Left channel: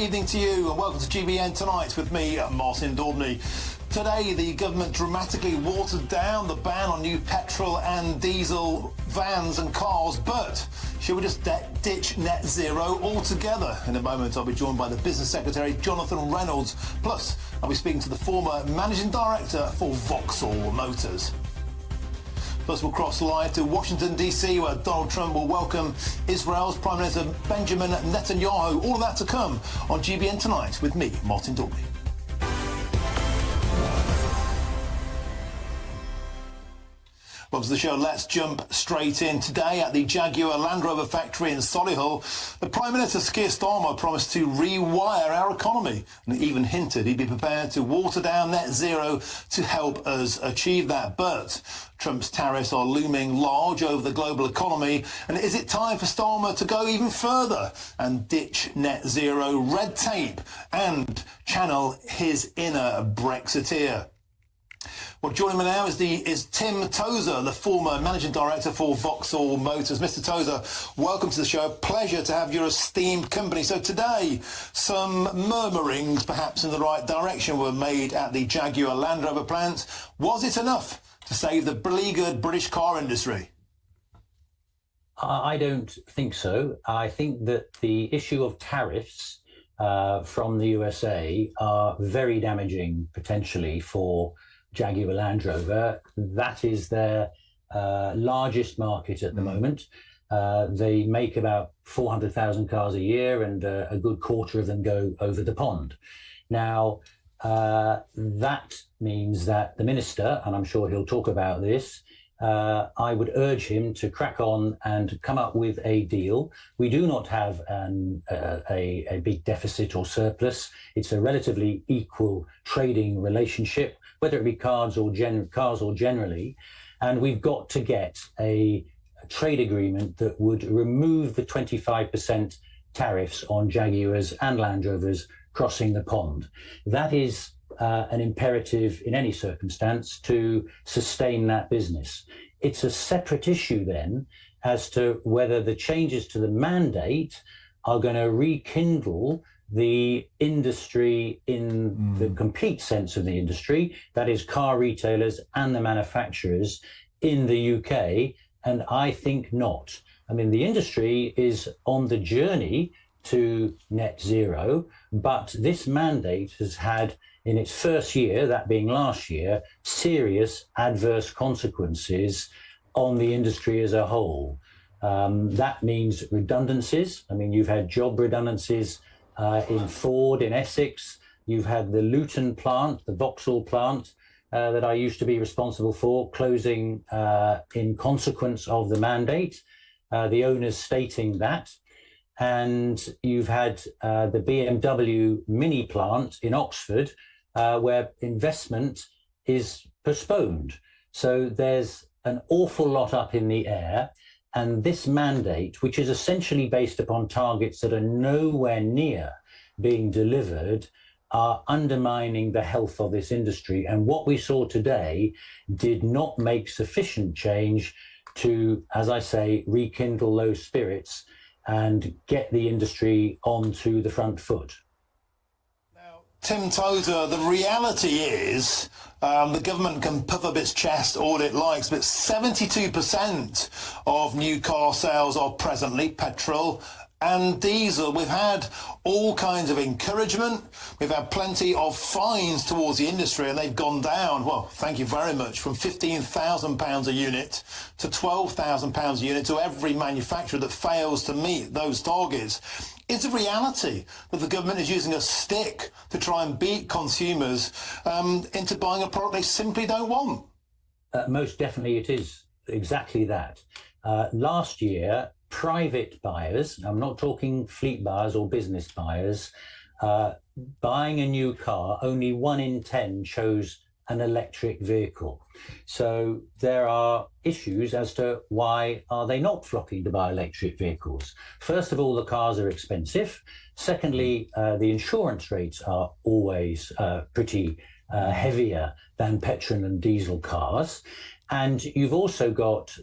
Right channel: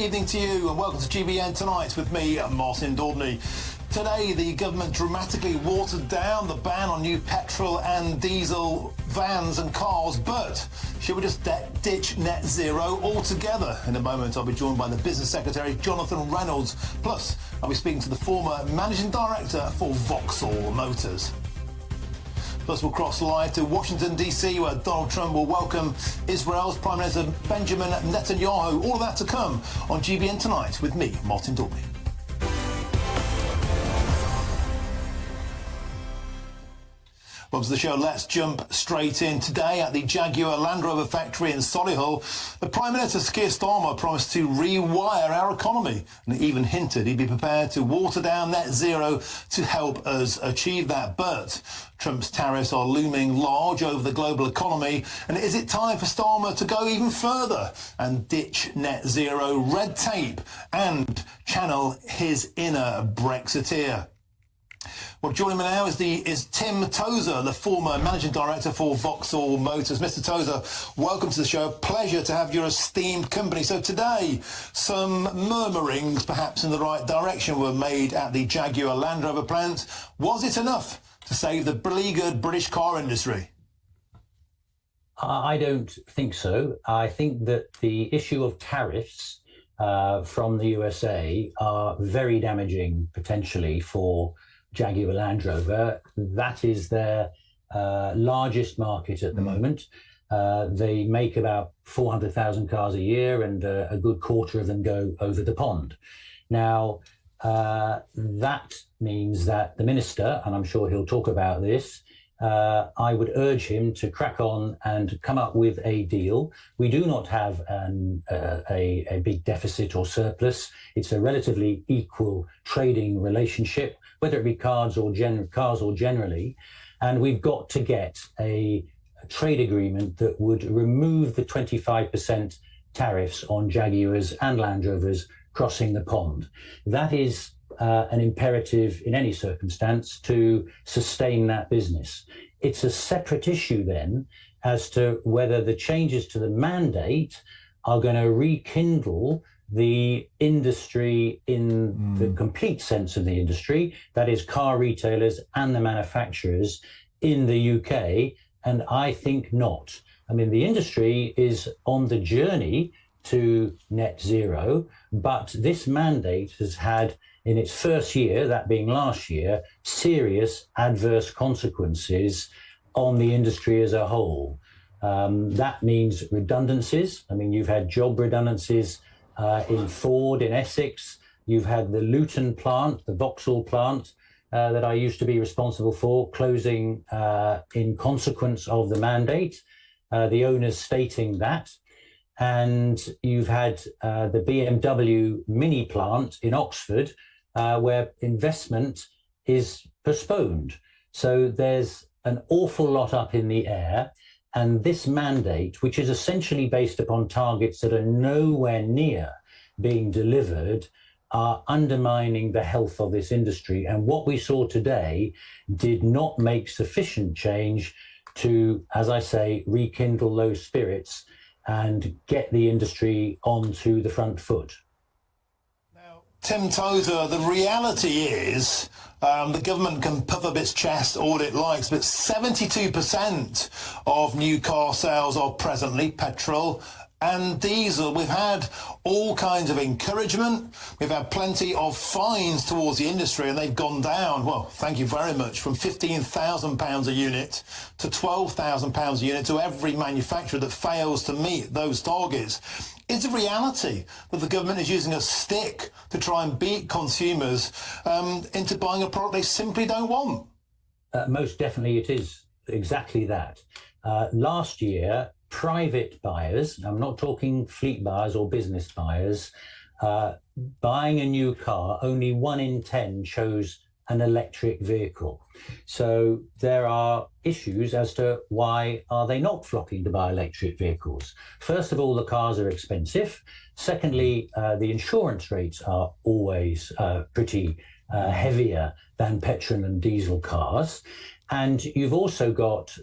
Evening to you and welcome to GBN Tonight with me, Martin Daubney. Today, the government dramatically watered down the ban on new petrol and diesel vans and cars, but should we just ditch net zero altogether? In a moment, I'll be joined by the Business Secretary, Jonathan Reynolds. Plus, I'll be speaking to the former Managing Director for Vauxhall Motors. Plus, we'll cross live to Washington, D.C., where Donald Trump will welcome Israel's Prime Minister Benjamin Netanyahu. All of that to come on GBN Tonight with me, Martin Daubney. Welcome to the show. Let's jump straight in. Today at the Jaguar Land Rover factory in Solihull, the Prime Minister Keir Starmer promised to rewire our economy and even hinted he'd be prepared to water down net zero to help us achieve that. But Trump's tariffs are looming large over the global economy. And is it time for Starmer to go even further and ditch net zero red tape and channel his inner Brexiteer? Well, joining me now is Tim Tozer, the former Managing Director for Vauxhall Motors. Mr. Tozer, welcome to the show. Pleasure to have your esteemed company. So today, some murmurings, perhaps in the right direction, were made at the Jaguar Land Rover plant. Was it enough to save the beleaguered British car industry? I don't think so. I think that the issue of tariffs from the USA are very damaging potentially for Jaguar Land Rover. That is their largest market at the moment. They make about 400,000 cars a year, and a good quarter of them go over the pond. Now, that means that the minister, and I'm sure he'll talk about this, I would urge him to crack on and come up with a deal. We do not have a big deficit or surplus. It's a relatively equal trading relationship, whether it be cars or generally. And we've got to get a trade agreement that would remove the 25% tariffs on Jaguars and Land Rovers crossing the pond. That is an imperative in any circumstance to sustain that business. It's a separate issue then as to whether the changes to the mandate are going to rekindle the industry in the complete sense of the industry, that is car retailers and the manufacturers in the UK, and I think not. I mean, the industry is on the journey to net zero, but this mandate has had, in its first year, that being last year, serious adverse consequences on the industry as a whole. That means redundancies. I mean, you've had job redundancies in Ford, in Essex. You've had the Luton plant, the Vauxhall plant, that I used to be responsible for, closing in consequence of the mandate, the owners stating that. And you've had the BMW Mini plant in Oxford, where investment is postponed. So there's an awful lot up in the air. And this mandate, which is essentially based upon targets that are nowhere near being delivered, are undermining the health of this industry. And what we saw today did not make sufficient change to, as I say, rekindle those spirits and get the industry onto the front foot. Now, Tim Tozer, the reality is the government can puff up its chest all it likes, but 72% of new car sales are presently petrol and diesel. We've had all kinds of encouragement. We've had plenty of fines towards the industry, and they've gone down, well, thank you very much, from £15,000 a unit to £12,000 a unit to every manufacturer that fails to meet those targets. Is the reality that the government is using a stick to try and beat consumers into buying a product they simply don't want? Most definitely it is exactly that. Last year, private buyers, I'm not talking fleet buyers or business buyers, buying a new car, only 1 in 10 chose an electric vehicle. So there are issues as to why are they not flocking to buy electric vehicles. First of all, the cars are expensive. Secondly, the insurance rates are always pretty heavier than petrol and diesel cars. And you've also got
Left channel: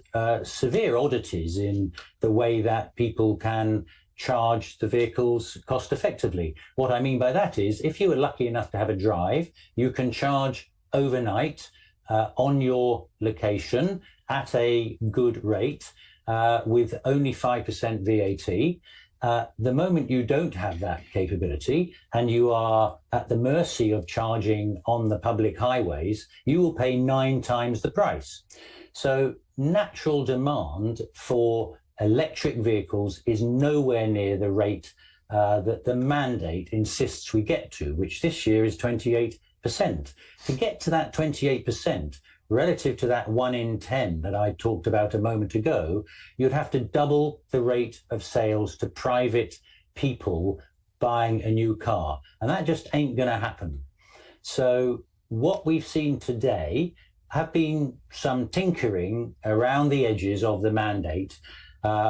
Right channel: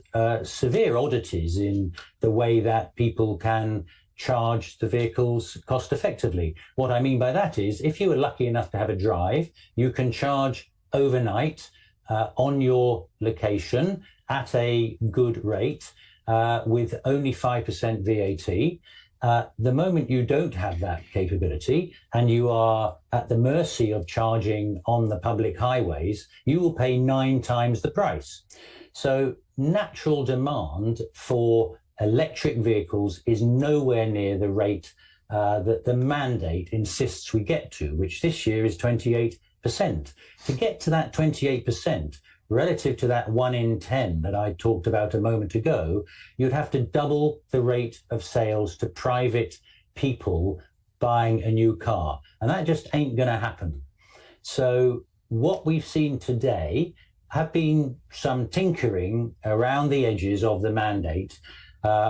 severe oddities in the way that people can charge the vehicles cost effectively. What I mean by that is, if you were lucky enough to have a drive, you can charge overnight on your location at a good rate with only 5% VAT. The moment you don't have that capability and you are at the mercy of charging on the public highways, you will pay 9 times the price. So natural demand for electric vehicles is nowhere near the rate that the mandate insists we get to, which this year is 28%. To get to that 28%, relative to that 1 in 10 that I talked about a moment ago, you'd have to double the rate of sales to private people buying a new car. And that just ain't going to happen. So what we've seen today have been some tinkering around the edges of the mandate,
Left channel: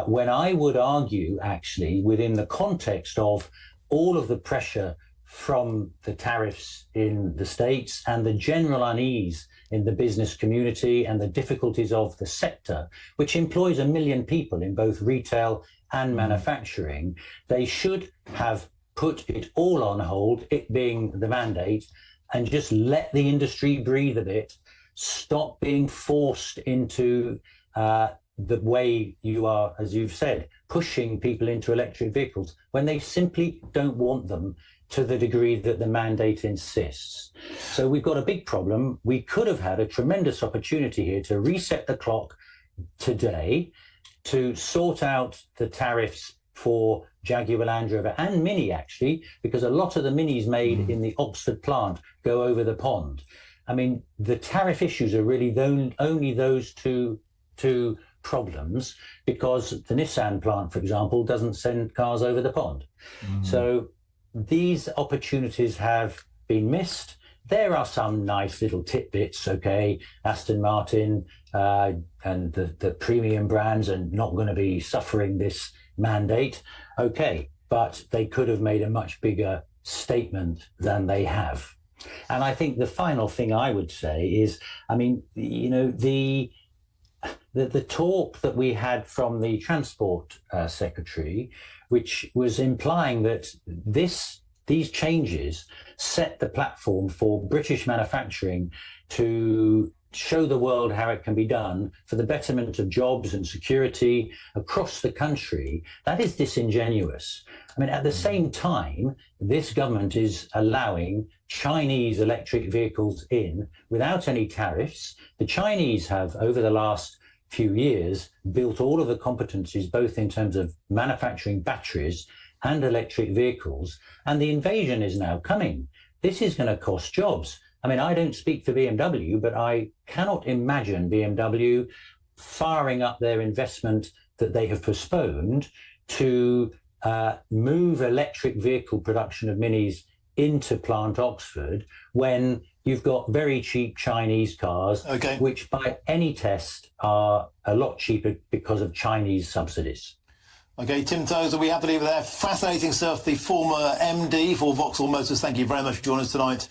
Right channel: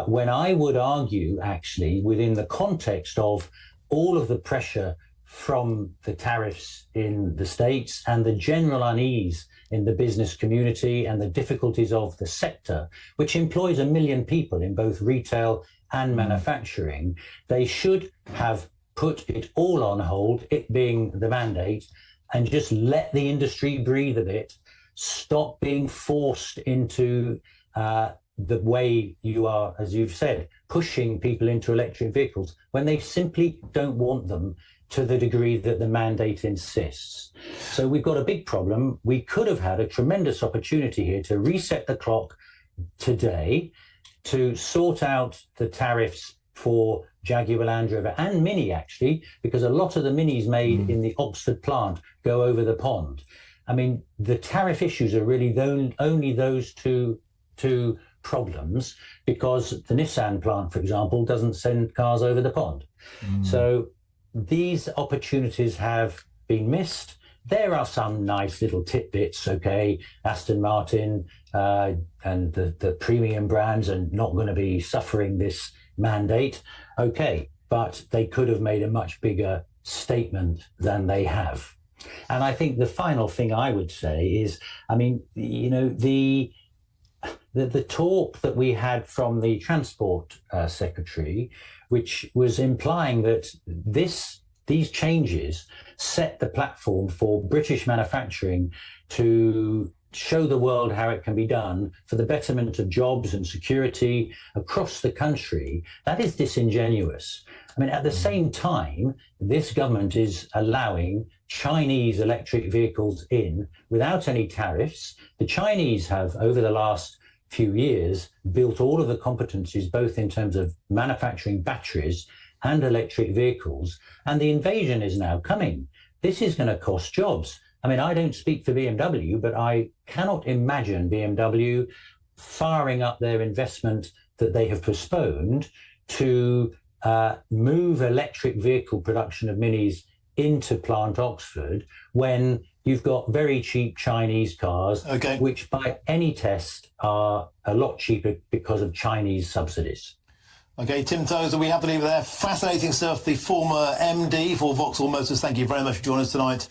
when I would argue, actually, within the context of all of the pressure from the tariffs in the States and the general unease in the business community and the difficulties of the sector, which employs 1 million people in both retail and manufacturing, they should have put it all on hold, it being the mandate, and just let the industry breathe a bit, stop being forced into the way you are, as you've said, pushing people into electric vehicles when they simply don't want them to the degree that the mandate insists. So we've got a big problem. We could have had a tremendous opportunity here to reset the clock today, to sort out the tariffs for Jaguar Land Rover and Mini, actually, because a lot of the Minis made in the Oxford plant go over the pond. I mean, the tariff issues are really only those two problems, because the Nissan plant, for example, doesn't send cars over the pond. So these opportunities have been missed. There are some nice little tidbits, okay, Aston Martin and the premium brands are not going to be suffering this mandate, okay, but they could have made a much bigger statement than they have. And I think the final thing I would say is, I mean, you know, the talk that we had from the Transport Secretary, which was implying that these changes set the platform for British manufacturing to show the world how it can be done for the betterment of jobs and security across the country, that is disingenuous. I mean, at the same time, this government is allowing Chinese electric vehicles in without any tariffs. The Chinese have, over the last few years, built all of the competencies, both in terms of manufacturing batteries and electric vehicles, and the invasion is now coming. This is going to cost jobs. I mean, I don't speak for BMW, but I cannot imagine BMW firing up their investment that they have postponed to move electric vehicle production of Minis into Plant Oxford when you've got very cheap Chinese cars, which by any test are a lot cheaper because of Chinese subsidies. Okay, Tim Tozer, we have to leave it there. Fascinating stuff. The former MD for Vauxhall Motors, thank you very much for joining us tonight